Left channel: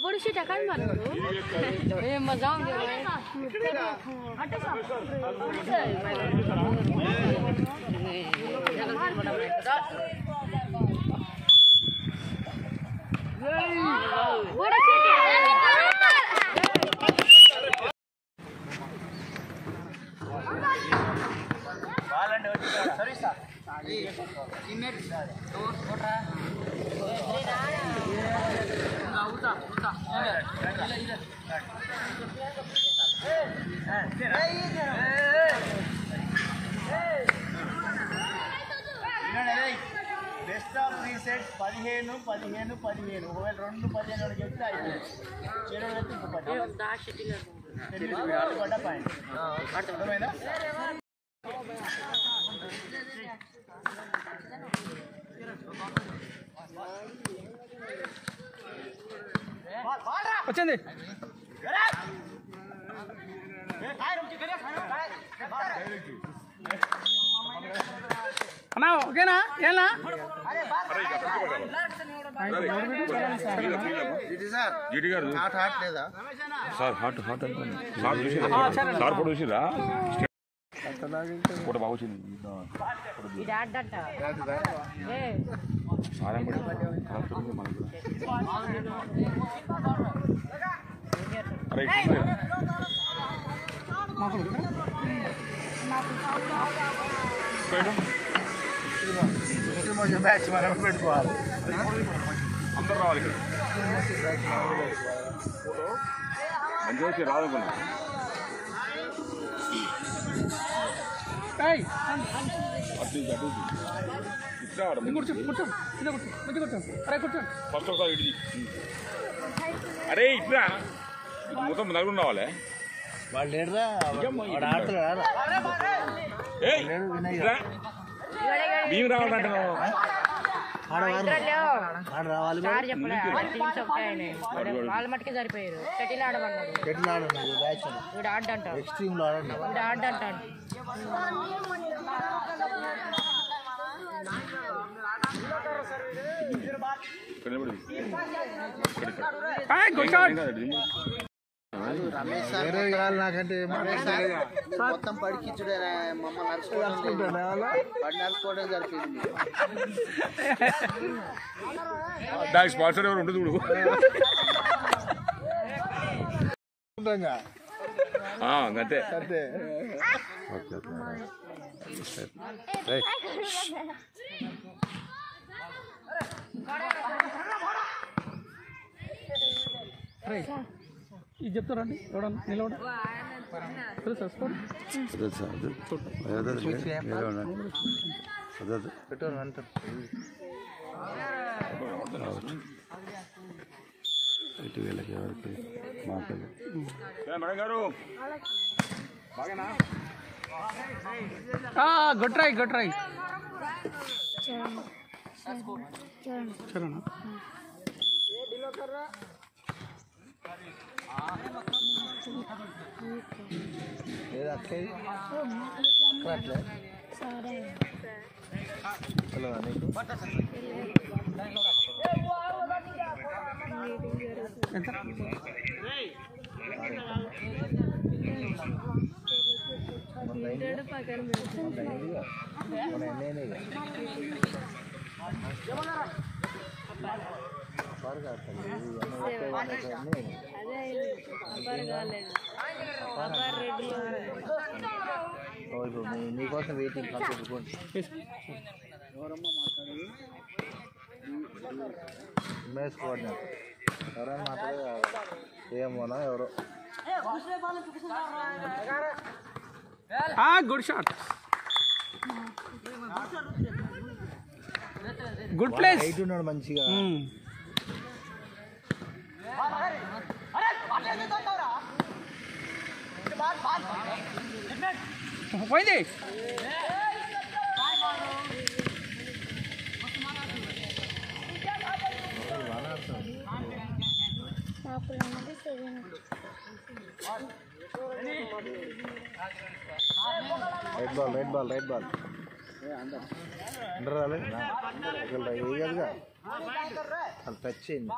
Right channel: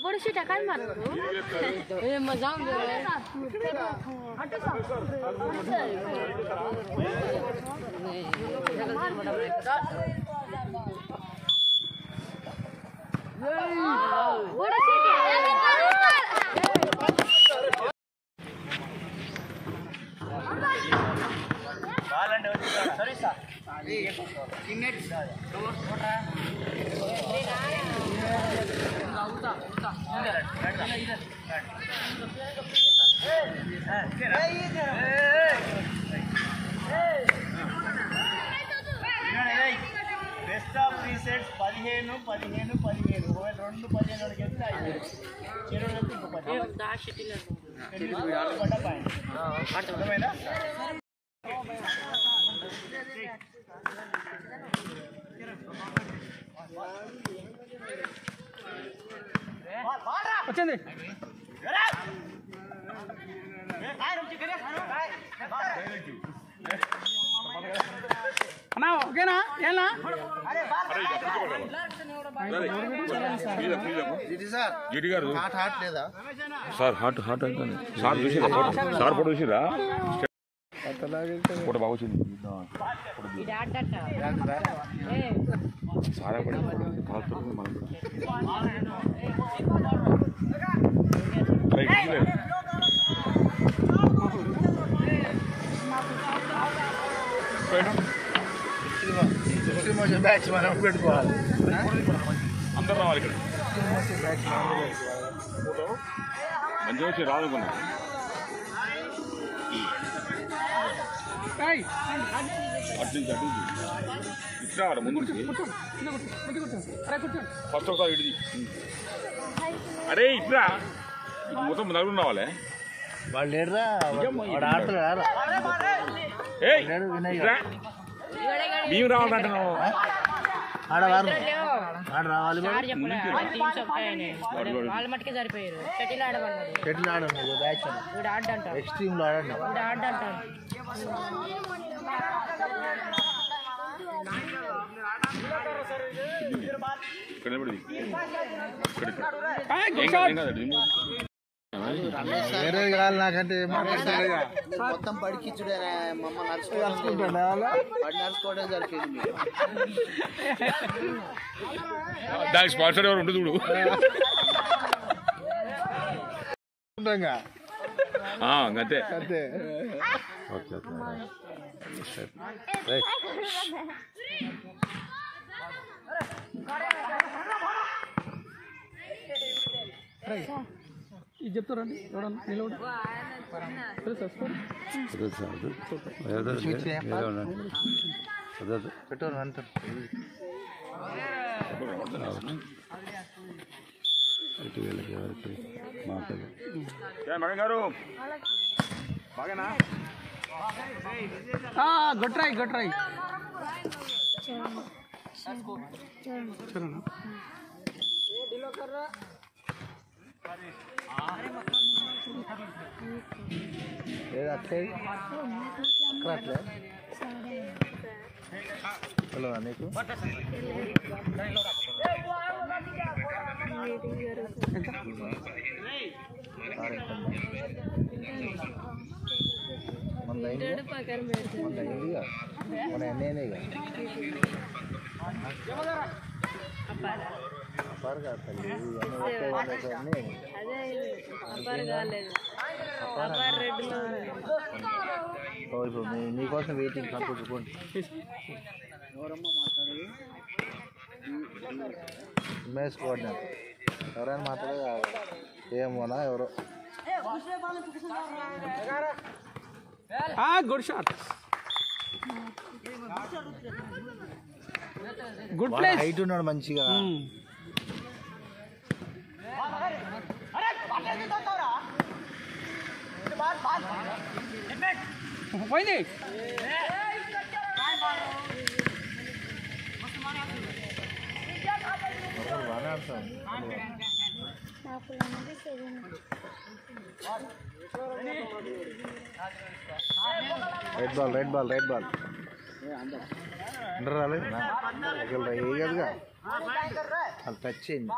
बड़ी सी टका मारो ए मजा आउंदे बड़ी सी బాల్ అంటే వచ్చి సరిస్తా టీమ్మేట్ బెస్ట్ ఆఫ్ 3 సెట్స్ 15 15 15 ఒకవేళ 2 15 వరకు వెళ్తే అయిపోయింది చెడు వెళ్తే ఇంకో 10 పడ్డ పాయింట్ అర్థమైందా వచ్చింది అన్నా ఓకేనా ఏనా sir hot hot sir photo చూసిరా ఫోటో బాగా వచ్చింది సారే పడి బ్యాచ్ మనం పెట్టుకోవాలి అందరూ రావాలి ఇక్కడ మంచిగా వచ్చి రావాలనుకున్నా అటు ఇట్లా ముందు ఫస్ట్ ఒకసారి ఇటు అరే ఇట్లా మొత్తం నలుగురు రావాలి వాళ్ళు లేడురా ఆడుతున్నారు మేము రావాలంటున్నావు వాళ్ళ మట్టుకే సరిపోయారు షటిల్ ఆడమన్నాడు షటిల్ ఆడన్నాడు బ్యాచ్ వీడు ఆడంటాడు ఎక్స్ట్రీమ్ లో ఆడన్నాడు వీడు ఆడంటాడు వేరే కావాలి నాకంటే మొత్తం పడికిచ్చుడే నడుచుకోవడం జరిగింది దానికి స్పాన్సర్ ఎవరు ఉంటుంది చూడు అంతే అంతే ఇది చెప్తారండి నిలబడి ఇటు వీళ్ళకి ఎవరికి మాట్లాడు గొట్రాయి గొట్రాయి హలో నీకోసం వెయిటింగ్ మ్యాచ్ కోఆర్డినేటర్ ఎవరైనా మాత్రం ఏమోనా ఎవరో good shot good place height ఉన్నాడు మంచిగా పోయింది రెడ్ బాల్ అందరూ రాలేదు వేయగలగా అది టచ్ చేయండి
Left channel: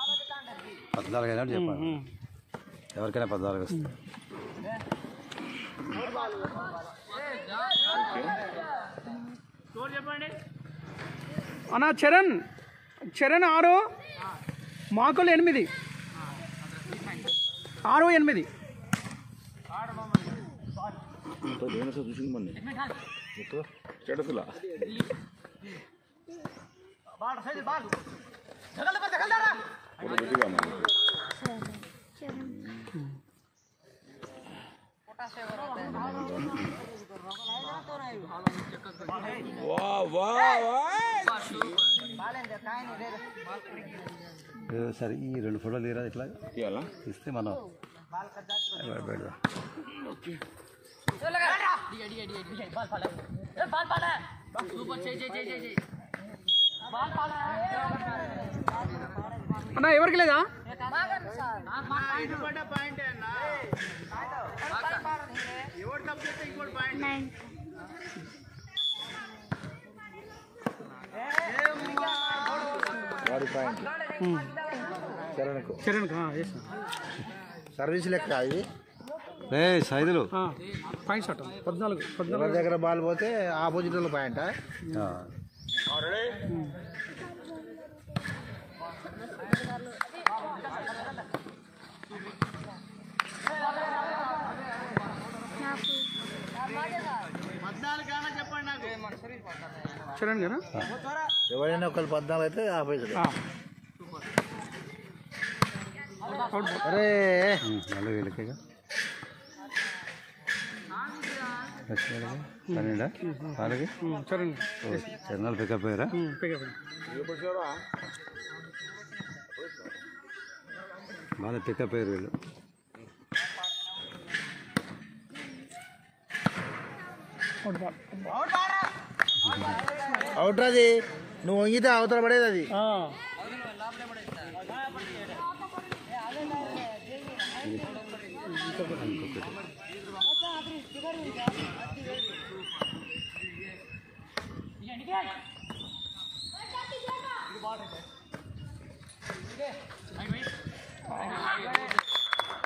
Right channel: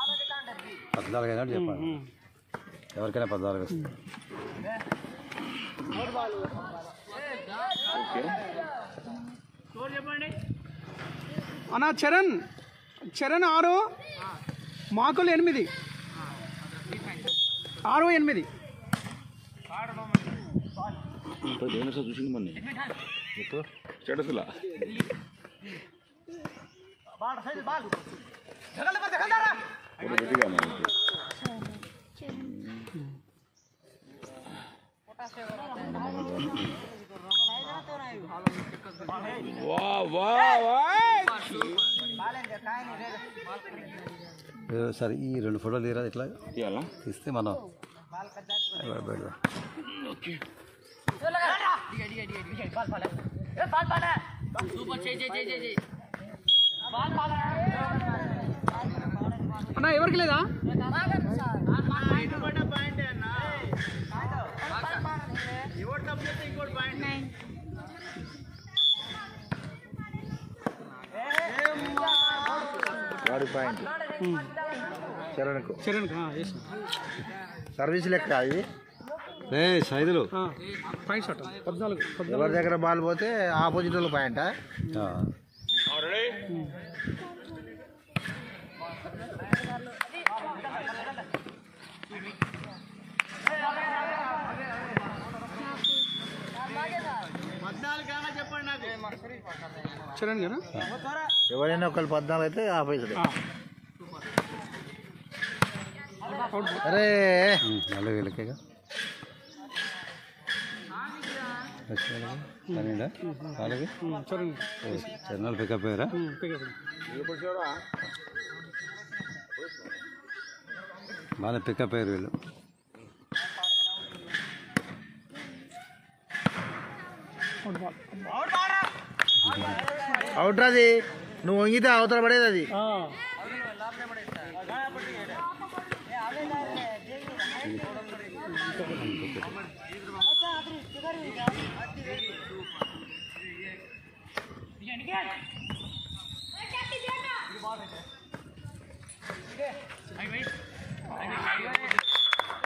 14 అయినట్టు చెప్పాలి ఎవరికైనా 14 వస్తుంది అన్న చరణ్ 6 మాకులు 8 6-8 చూసింది మొన్న చెడుతులా సరే ఈ 2 ఫోటోలు తీరా ఇట్లా తీస్తే మనం అన్న ఎవరికి లేదా ఇటువంటి పాయింట్ అన్న ఎవరు తప్పు చేస్తే ఇంకోటి పాయింట్ వాడి పాయింట్ చరణ్ సర్వీస్ లెక్క అది సైదులు పాయింట్ షాట్ 14 ఎవరి దగ్గర బాల్ పోతే ఆపోజిట్ వాళ్ళ పాయింటా చెప్పండి నాకు చరణ్ కదా ఎవరైనా ఒకళ్ళు 14 అయితే ఆపోజిట్ అరే 4 వీళ్ళకేగా 12 వాళ్ళకి చరణాలు పికప్ అయ్యారా బాగా పికప్ అయ్యారు వీళ్ళు అవుట్ అది నువ్వు వంగితే అవతల పడేది అది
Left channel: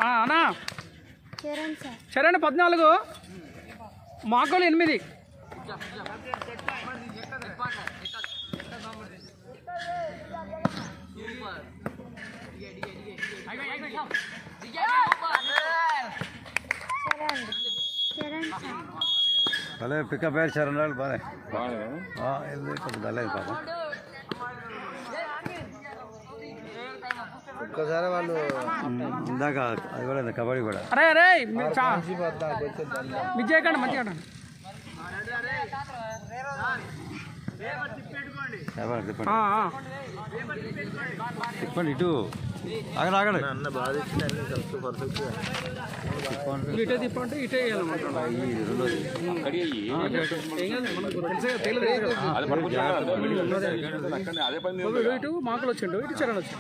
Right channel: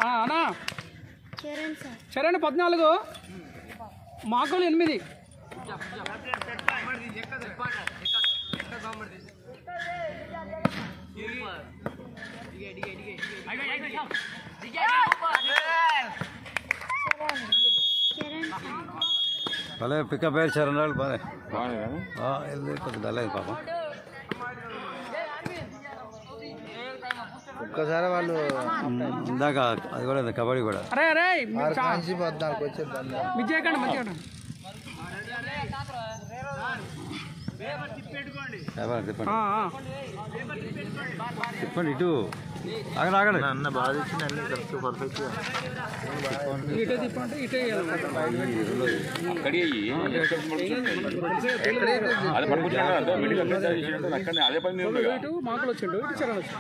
అన్నా చరణ్ 14 మాకోలు 8 భలే పికప్ అయ్యారు చరణాలు బాగా కొంచెం డల్ పాప ఒక్కసారి వాళ్ళు ఇందాక అది కూడా కబడ్డీ కూడా అరే అరే తిప్పండి ఇటు ఆగండి ఆగండి ఇటే తిప్పండి ఇటే ఇటు మాకులు వచ్చిండు ఇటు చరణ్ వచ్చి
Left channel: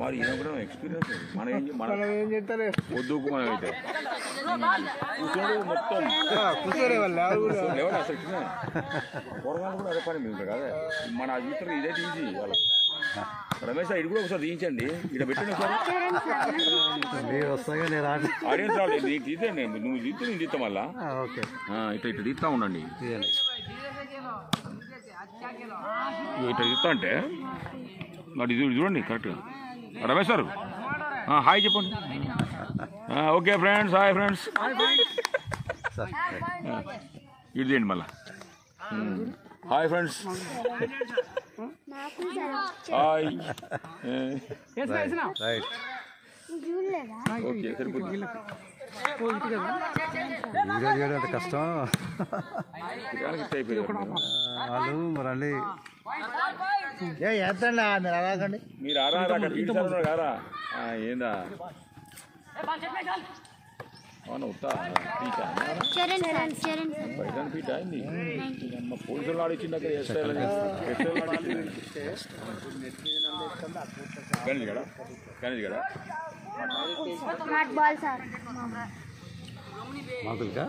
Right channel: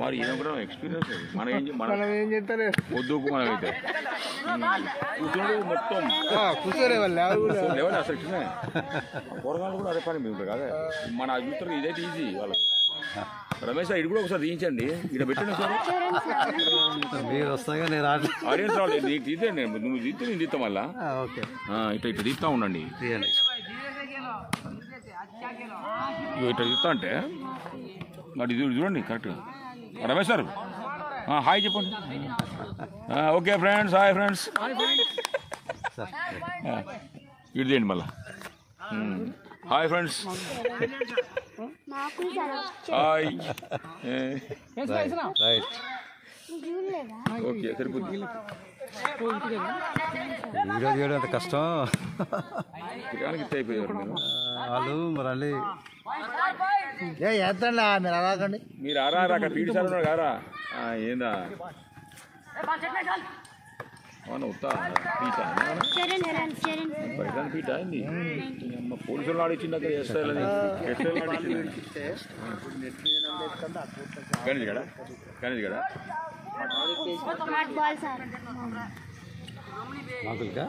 మరి ఈయన కూడా ఎక్స్పీరియన్స్ మనం ఏం చేస్తారు వద్దు మనమైతే మొత్తం కూర్చోరే వాళ్ళు అసలు కూరగాయలు కూడా అదే పని మీకు కదా మన అభిప్రాయం ఇదైతే ఈజీ వాళ్ళకి రమేష్ ఇది కూడా ఒకసారి తీయించండి ఇక్కడ పెట్టండి సార్ మీరు వస్తాగా నేను ఆడియన్స్ రాలేదు నీకు తీతే నువ్వు తీస్తే నేను తీస్తా మళ్ళా ఓకే ఇట్లా ఇట్లా తీస్తా ఉండండి తీయండి ఇట్లా తీస్తా అంటే మరి ఇది చూడండి కరెక్ట్గా రమేష్ సార్ హాయ్ చెప్పండి ఓకే ఫ్రెండ్స్ హాయ్ ఫ్రెండ్స్ ఇది చేయండి మళ్ళా hi friends hi right okay సరిపోతుంది వీడియో తీయడం అంత కష్టం అయిపోయారు వాళ్ళు మరి మళ్ళీ చేస్తండి మీరు అలాగండి మీరు ఆరా పీడి సార్ ఉన్నారు కారా ఏందా అవును ఉత్తా పీటా పీటా అయింది అమ్మ పోలీసులు ఆడిచ్చింది అక్కడ గణేష్ గడ మాకులుగా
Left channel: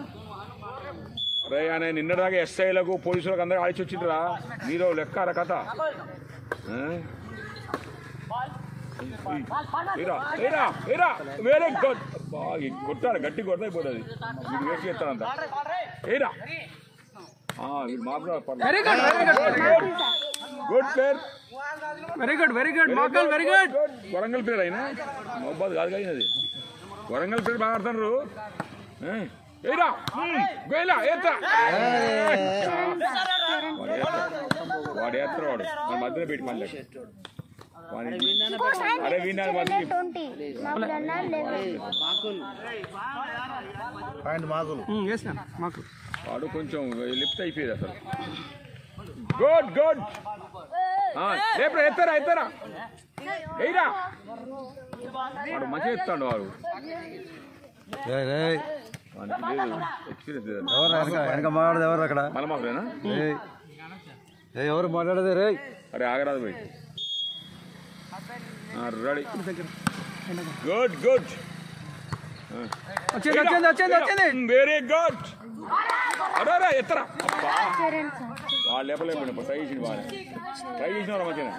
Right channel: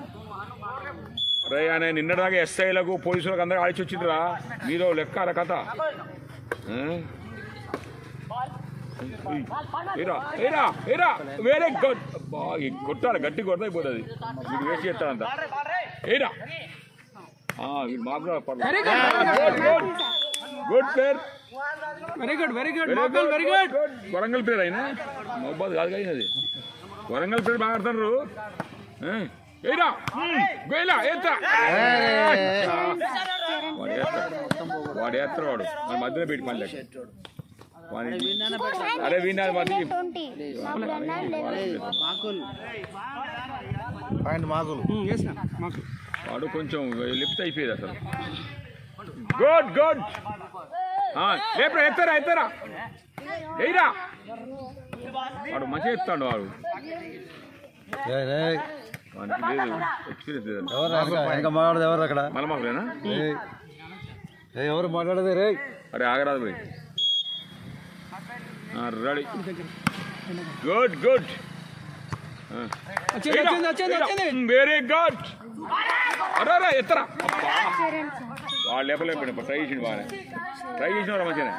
రే ఆయన నిన్నదాకా ఎస్ఐలకు పోలీసులకు అందరూ ఆడిచి వచ్చిందిరా మీరు లెక్క కథ వెరీ గుడ్ బాగా కొట్టాలి గట్టి కొడతా అయిపోతుంది మీరు వేస్ట్ చేస్తారంట ఏరా వీడు మాకు good player very good very good మాకల్ వెరీ గుడ్ వరంగల్ ప్లేయర్ అయినా మొహబాద్ కాదు అయినది వరంగల్ ప్లేయర్ బాగా ఆడుతున్నారు ఏరా వేలా ఏత్రా వాడు ఏత్తారు వాడు మన మధ్యలో పెట్టి మళ్ళీ అరే విన్నారు వాడు కొంచెం లిఫ్ట్ అయిపోయేది అసలు గుడ్ గుడ్ లేపరా ఎత్తారా ఎత్తారా వెయ్యరా వాడు మంచిగా ఎత్తాడు వాడు ఎక్స్పీరియన్స్ ఎవరు వెనక మాట్లాడదు ఎవరు అక్కడ మలమాకులేనా ఎవరు మాట్లాడదు రే అరే ఆగరాదు పోయి ready good good very good అరే ఎత్తరా వాళ్ళు లేపలేకపోయినా ట్రై చేసింది బాగా ట్రై చేసిన వాడు మంచిగా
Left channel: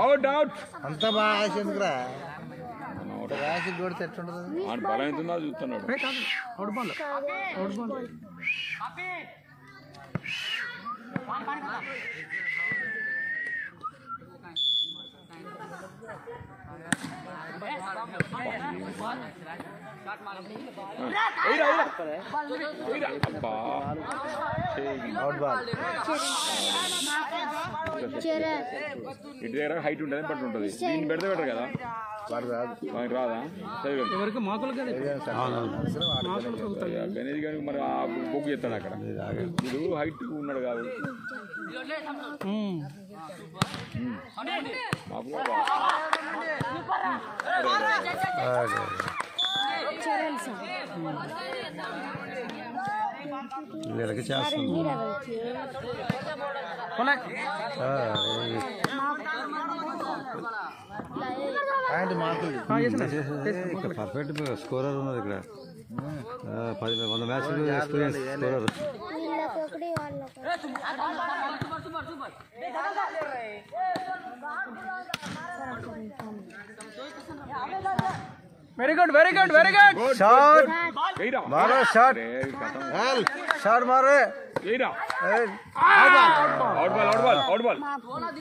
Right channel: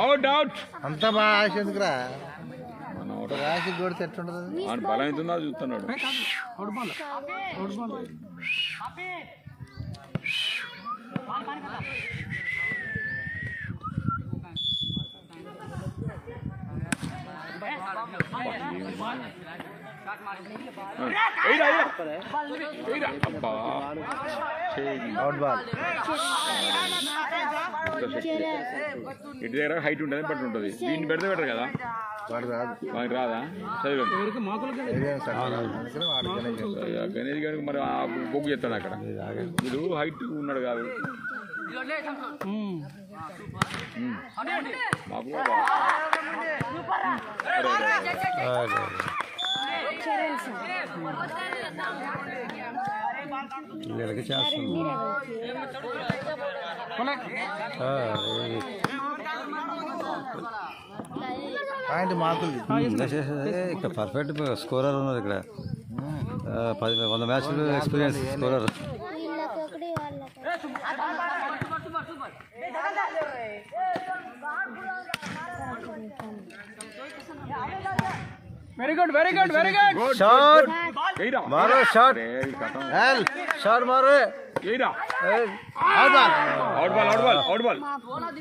అవుట్ అవుట్ అంతా బాగా ఆశ ఎందుకురా రాసి కొడితే ఎట్లుంటుంది బలం ఎంత ఉన్నదో చూస్తున్నాడు ఇటు దగ్గర హైట్ ఉంటుంది బట్ ఉంటుంది దీన్ని పెడితే బెటర్ కదా మనకి రాదా గణేష్ గారికి మరి బొగ్గు చేస్తాడు అక్కడ మీరు హైట్ ఉన్నాడు కాదు వీళ్ళకి చేస్తుంది ఇక్కడ పర్ఫెక్ట్ స్కోరర్ ఉన్నది ఇక్కడ 100 మ్యాచ్లు experience scorer very good very good very good shot మారో షాట్ షాట్ మారో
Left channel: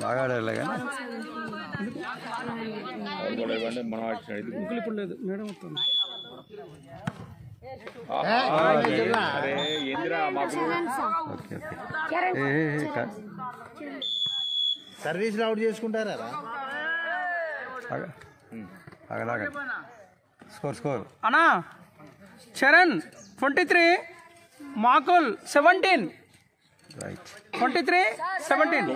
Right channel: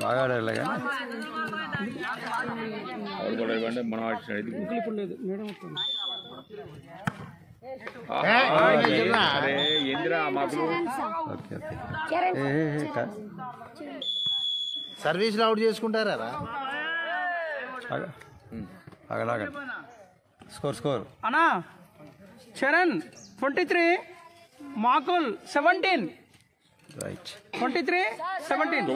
బాగా ఆడాలి కానీ మనం అరే ఏందిరా మాకు సర్వీస్లో అవుట్ చేసుకుంటారా అలాగే స్కోర్ స్కోర్ అన్నా చరణ్ 23 మాకుల్ 17 రైట్ 23 17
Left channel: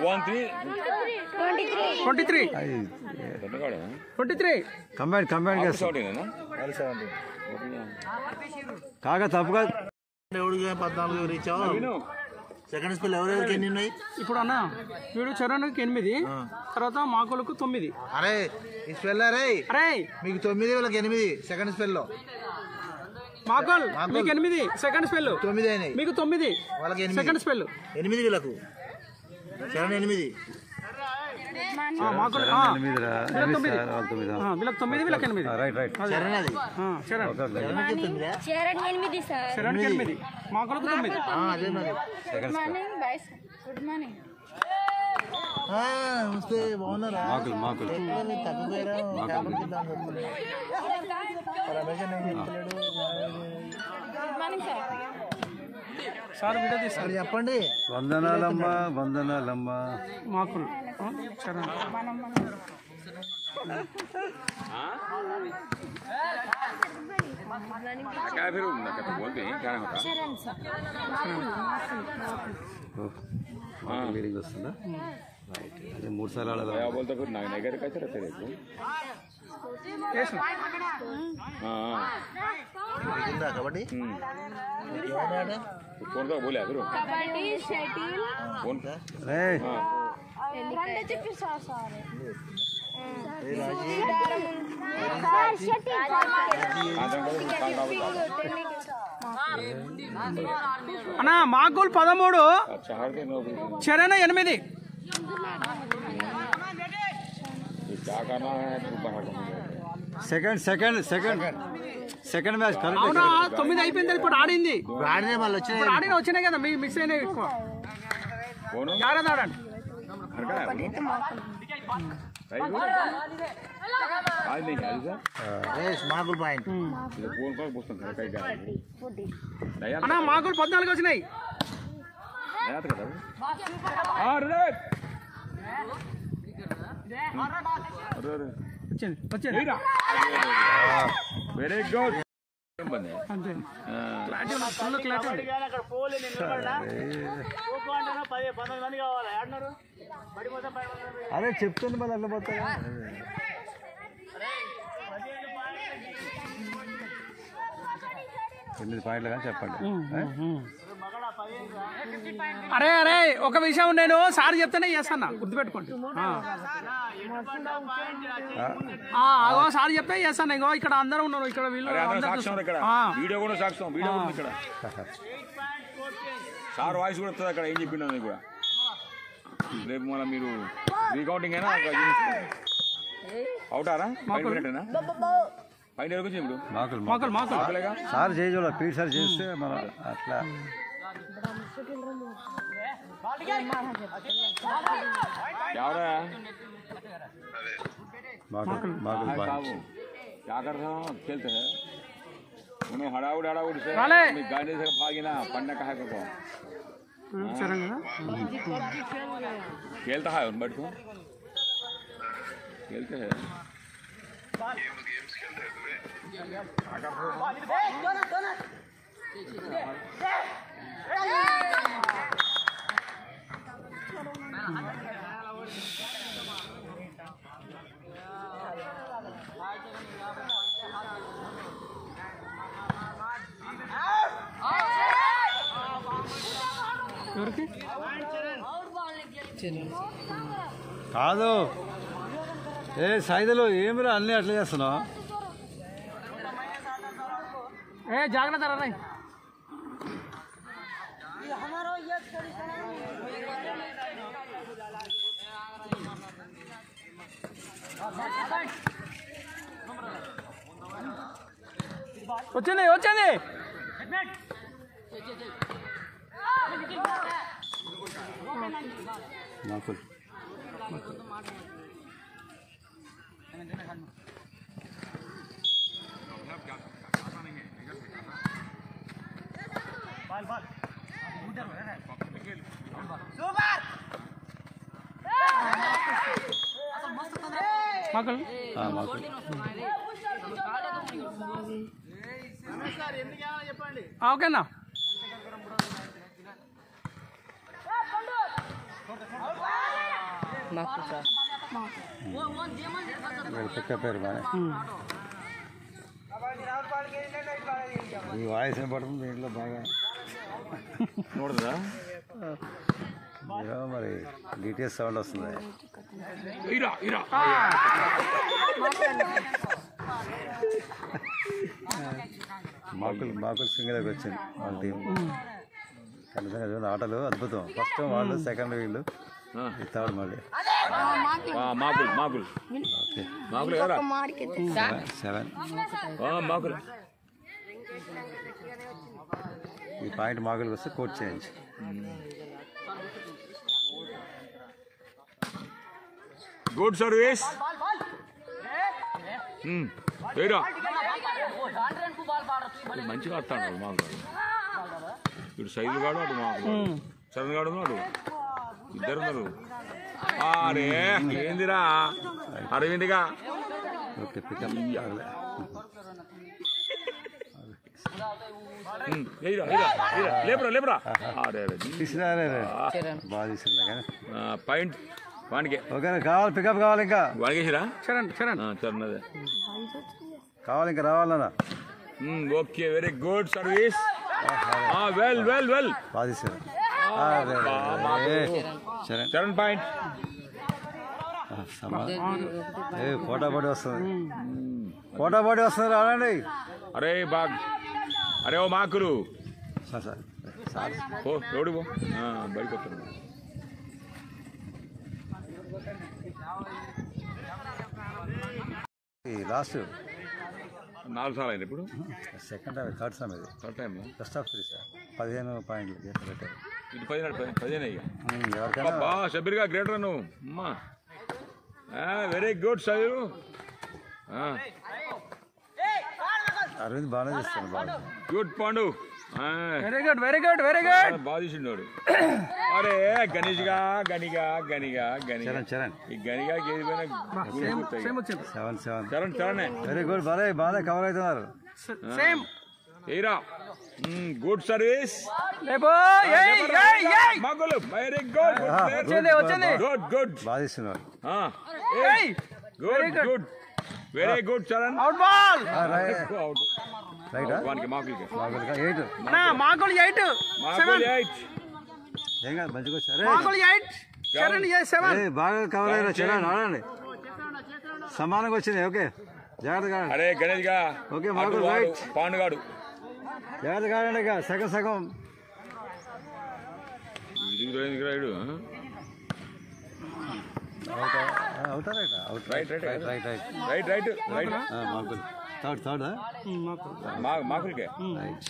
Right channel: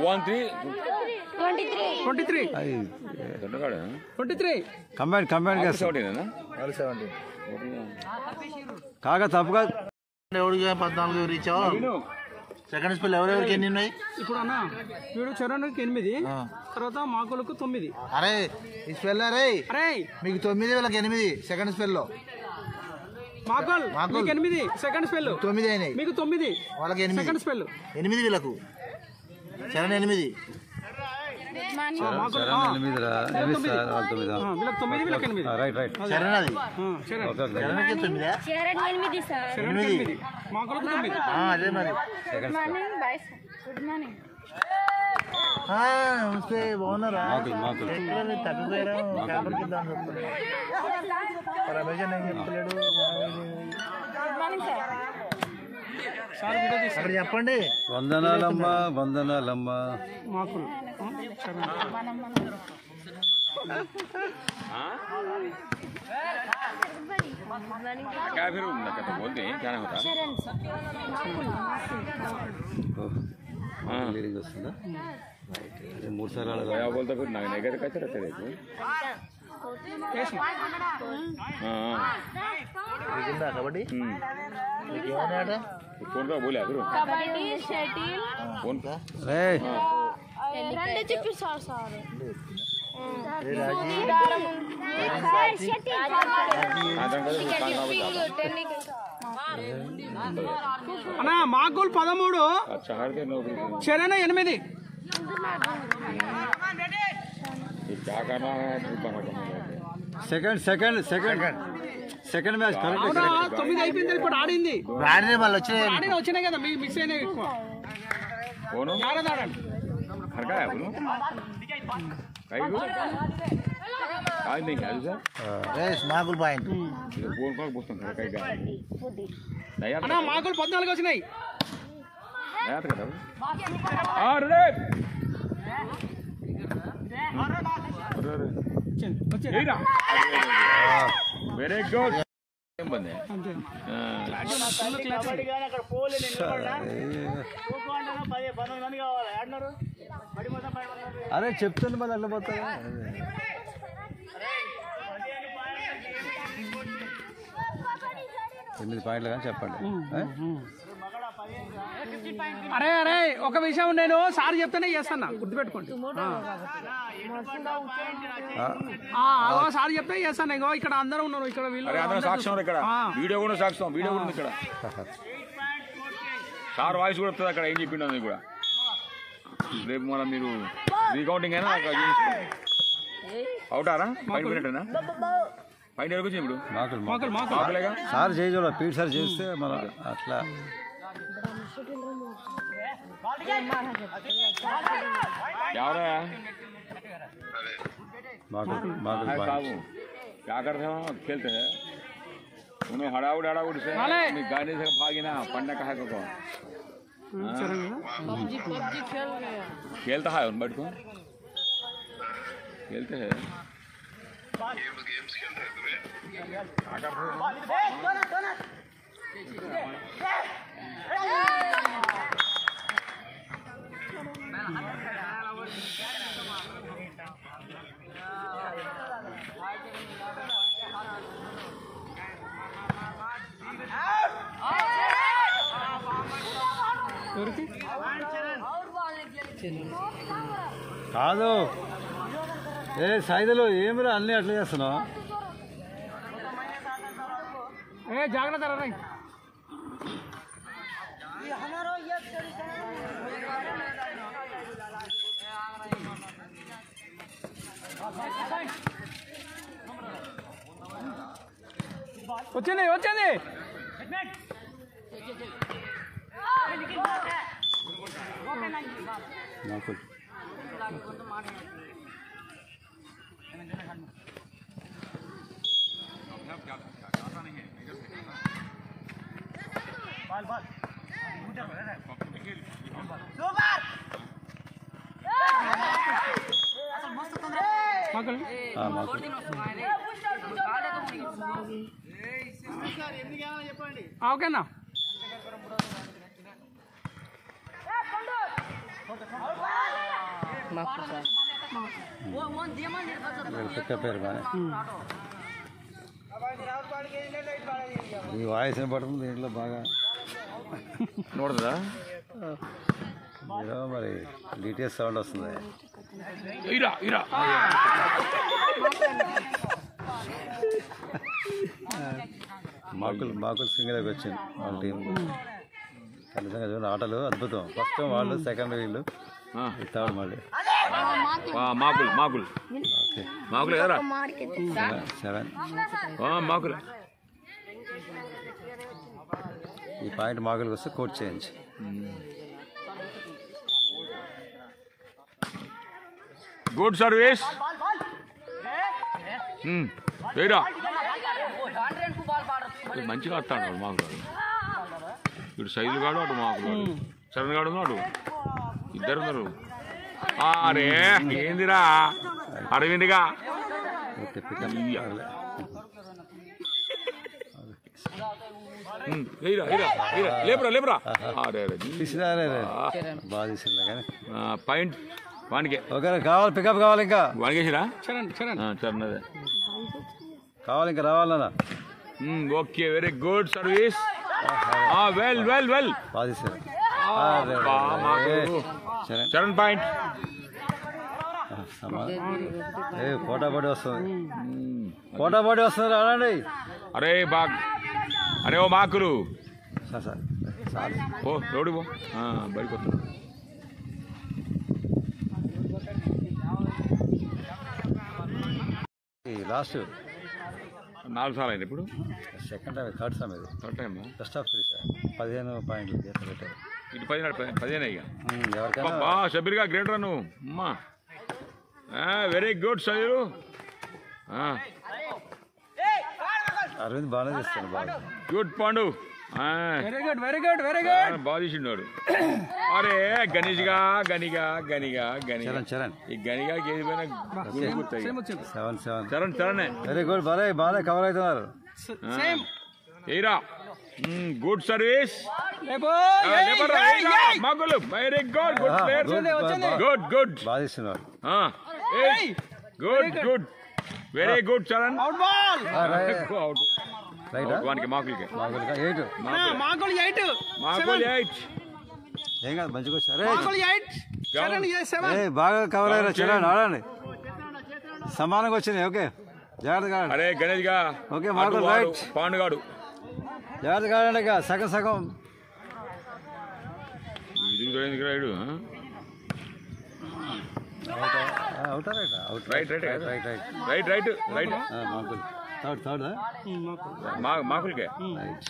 23 కంబైన్ కంబైన్ కాగా తప్పుగా 14 రీచ్ సెకండ్ స్పెల్ ఎవరెవరికి ఎన్ని ఉన్నాయి ఇప్పుడు అన్న వీడు చరణ్కి 8 తర్వాత మాకులకు 9 అరే ఈ స్పెల్ అరే మీకు 9 వాళ్ళకి 8 సెకండ్ స్పెల్లో మాకుల్ మీకు 8 సెకండ్ స్పెల్ 9 అయినాయి మీకు 9 వాళ్ళకి 8 సెకండ్ స్పెల్ 8 వీళ్ళకు చరణ్ 8 రైట్ రైట్ చరణ్ అది అదే మరి గుడ్ మార్నింగ్ నమస్తే బాగున్నారా మాకులు తప్పిపోయారా రమేష్ ఏం చెప్తలేడు చెప్పండి వందనాలమ్మా మాకులు क्या फिर बोलते हैं क्या होता లీడింగ్ వస్తుందా అది 3 సార్లు ఆడాలి. क्या बोलता फिर नहीं कर कैसे रहते रे तू వేసిన कबड्डी कौन का बोला फिर कबड्डी शटिल कौन का రే రెండు చెప్పి సార్ అన్న మాకులు 13 अच्छा हार दे नो చరణ 8 ये क्या करना है तू कहां సెకండ్ మ్యాచ్ కరెక్ట్. 9 అయిపోయింది ఇప్పుడు ఆడింది ఆడినే మళ్ళీ వచ్చినాయి. వచ్చినాయి కదా మీ మిస్ అయినవి ఎక్కువ कौन జాగ్రత్త ఆడండి. हर का है भाई आज नहीं खेल सर మాకుల్ పాయింట్ कौन कौन पूछते हैं कहीं का नहीं यार అన్న మాకులు 14 వచ్చినాయి. नया तो करो अरे వచ్చింది वेरी गुड बंदे అంతే కబడ్డీ కానీ అక్కడ పోలే నేను నిలబడ్డా. ఖోఖో అంటే 10-15 మంది కావాలి ఆడినారు బడి మొత్తం 10 మంది. అరే చెప్తుంది మళ్ళీ అట్లా పోతారా. 8 పాయింట్లు కానీ చెప్పండి. అరే అరే ఒక విషయం నేను సార్ చెప్తేనే చేస్తాను గుర్తుపెట్టుకోండి. సార్ చెప్తే చేస్తాను. ఇంకో ఇక్కడ అందరూ ఉన్నారు ఇక్కడ వీళ్ళు अरे अंदर సాక్ష్యం ఇక్కడ వీడియో కూడా సాక్ష్యం వీడియో కూడా ఇక్కడ సార్ వాయిస్ కూడా వస్తుంది అక్కడ ఏం చెప్పిండు అది కూడా రేపు మనం మీరు రీకౌంటింగ్ అయినా అవుతారా ఫైన్ మినిటేనా ఫైన్ ఎవరికి వచ్చింది ఇప్పుడు మాకులు సార్ చేయజోడ పీట్ సార్ చేస్తే మనం అట్లా माकुल बाबू क्या करते हो खेलते हैं उन्हें हड़ाउड़ से गाने से भागी ना पढ़ने का है को खेलता है उन बैठ को खेलते हैं కాదు ఏ సైదులు ఏమిరా అన్నీ అట్లా చేస్తున్నావు. ఏ జాగ్రత్త రా వచ్చింది వచ్చింది మాకుల్ మాకుల్ ఓకేనా పేరు బాగా ఈ వాయిస్ పడుతుంది దీంట్లో బాగా నోడదా మరి డీటెయిల్స్ సౌండ్ వస్తుంది. ఇరా ఇరా మాకుల్ సింగర్కి వచ్చింది వాళ్ళ టీం. ఖచ్చితంగా చూడండి ఆటలు అద్భుతం. ఫస్ట్ వాళ్ళు సెకండ్ వీళ్ళు థర్డ్ మళ్ళీ మాకుల్ మాకుల్ ఓకే మాకుల్ కదా 7 మాకుల్ ఈ పాయింట్ మాకుల్కి వస్తే కోచ్ చేంజ్. గుడ్ సర్వీస్ మంచిగా ఆడతాడు మాకు ఇటు సైజు కాడు అటు మాకు చరణ్ గాడు ఉన్నాడు ఇద్దరు ఉన్నారు. అరే ఏందిరా అడవిందిగా ఓకే పికప్ లేపురా లేపురా తీసినా బాగా తీసిందా కానీ పాయింట్ వానికి ఓకేనా కావాలి పికప్ కావాలి ఇంకా వాడికేసిరా చరణ్ చరణ్ చరణ్ అదే కావాలి ఇంకా రావాలన్నా okay very good service well well well బాగా తీసారు చరణ్ చరణ్ పాయింట్ పోటాపోటీ వస్తుంది పోటాపోటీ వస్తుంది రానండి అరే అరే ఓ మాకులు సార్ సార్ సార్ ఓ రోడ్డు పో బయటకు లాస్ట్ 4 సార్లు అయింది ఇప్పుడు సెకండ్ టైం థర్డ్ టైం ఇది third time best of 3 sir 15 పాయింట్లు చేత పెట్టారు ఇటు 15 ఇక ఎవరికైనా షబీర్గా గ్రేట్ రన్ అమ్మా వెరీ గుడ్ సైలు అరవింద్ బాగానే చేస్తాను బాగా good Pandu very good very good very good బాగా తీసిండు అరే గణిగా చరణ్ చరణ్ ఈ గణిగా ఏది పోయినా 7 చరణ్ వెరీ గుడ్ బాగా కవర్ అవుతున్నారు సేమ్ ఏరా గుడ్ సర్వీస్ మగులు వెరీ గుడ్ గుడ్ గుడ్ బాగా తీస్తున్నారు good very good Charan out ball out రైటా వానికి మాకులకి 8 మాకులు 8 మాకులు 8 ఏం కాదు మంచిగా వచ్చారు మాకులు 8 చరణ్ 7 బాగా కవర్ అయ్యారు చరణ్ ఆడండి సమానంగా వచ్చినాయి ఓకే జాగ్రత్తగా అరే గణేష్ గా ఓకే మాకు రైట్ పాండుగాడు జాగ్రత్తగా ఆడండి ఇక సగం ఇది ride out right out right మాకు థర్డ్ మాకులకే రైట్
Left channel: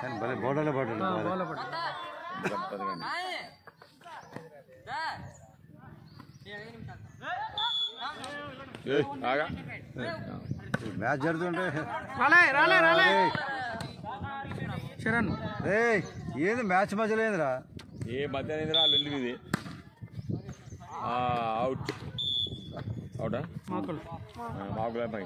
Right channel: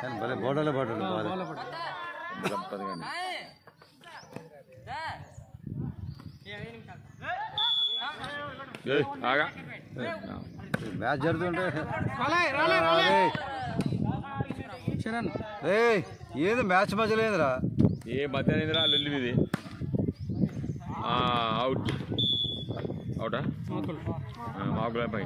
కానీ భలే బోర్డర్లో పడ్డాడు మ్యాచ్ జరుగుతుంటే చరణ్ ఏది మ్యాచ్ మధ్యలో ఏందిరా ఏ మధ్యాహ్నం లొల్లి ఇది అవుటా మాకులే పై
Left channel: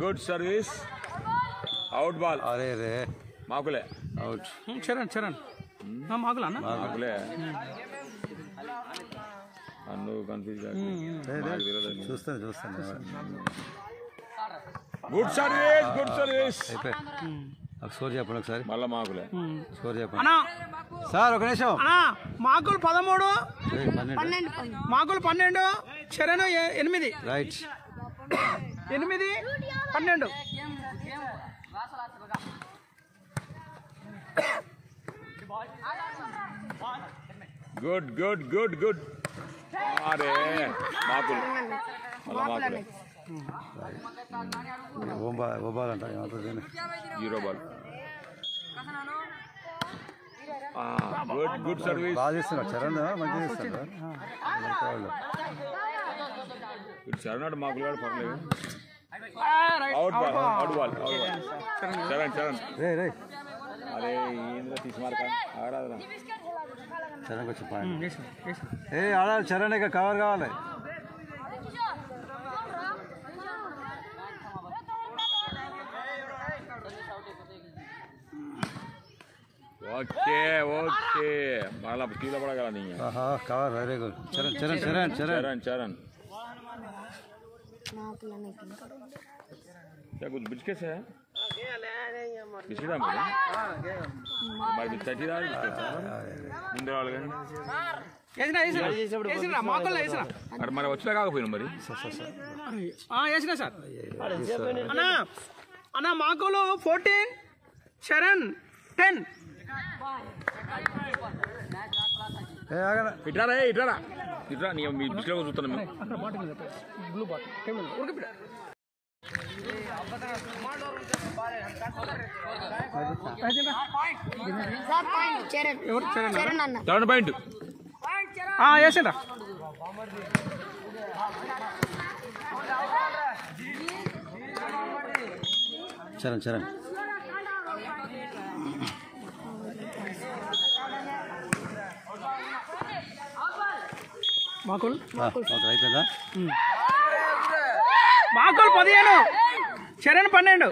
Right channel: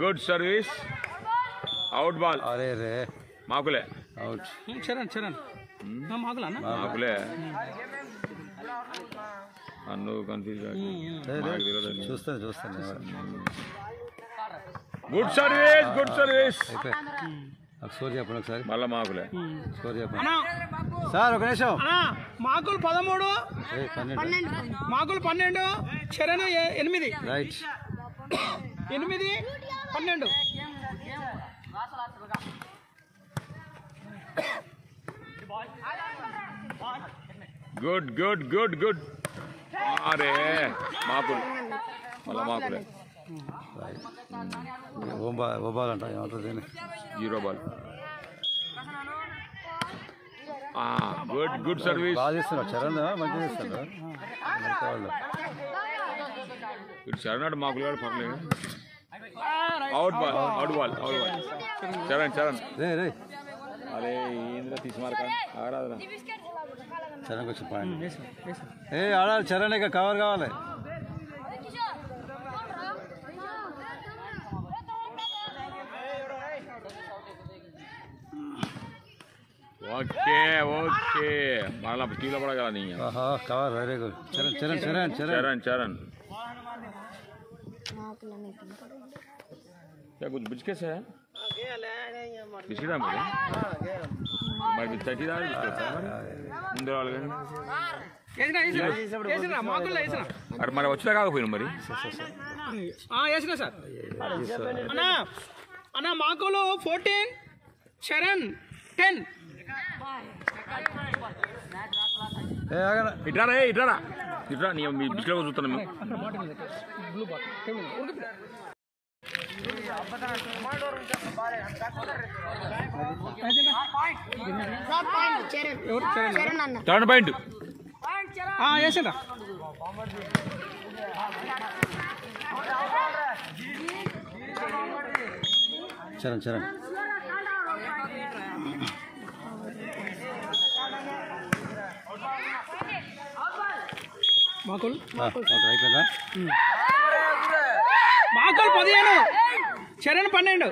గుడ్ సర్వీస్ అవుట్ బాల్ అరే రే మాకులే అవుట్ చరణ్ మాకులు అన్న మాకులే అన్ను కన్ఫ్యూజ్ చూస్తాను గుడ్ సర్వీస్ అయిపోయి స్కోర్ చెప్పండి ఒకసారి మళ్ళా మాకులే స్కోర్ చెప్పండి సార్ ఒక నిమిషం మాకులు 13 మాకులు 12 చరణ్ 8 రైట్ 8 12 గుడ్ అరే మాకులు మళ్ళా మాకులే ఓబాల్ అంట ఏమవుతుంది 0 బాల్ గుడ్ సర్వీస్ బాగా చేస్తున్నాడు చరణ్ మంచిగా చేస్తున్నాడు వాళ్ళు చరణ్ మాకులు పర్లేదు అవుట్ బాల్ చరణ్ రే అరే ఏంద్ర తీసుమారక ఆరాధన చరణ్కి వచ్చి పాయింట్ ఆడాలి చరణ్ ఇక కవర్ కావాలి ఓకే మళ్ళా టీలో పడగల నీ కవర్ వెరీ గుడ్ చరణ్ कुछ बिच कैसे है बिचड़ा मेरे मैं चटीदा ముందే వాళ్ళు వేసినా మాకులు వేసినా అక్కడ మరి వచ్చినా కాకపోయినా మరి వేసినా సార్ అన్న మాకులు 14 చరణ్ 10 ఇట్రా నీ మీ బిచ్లో చూస్తాను థర్డ్ పాయింట్ వేసిందా చరణ్ మాకులు అయిపోయిందా మాకులు 15 చరణ్ 12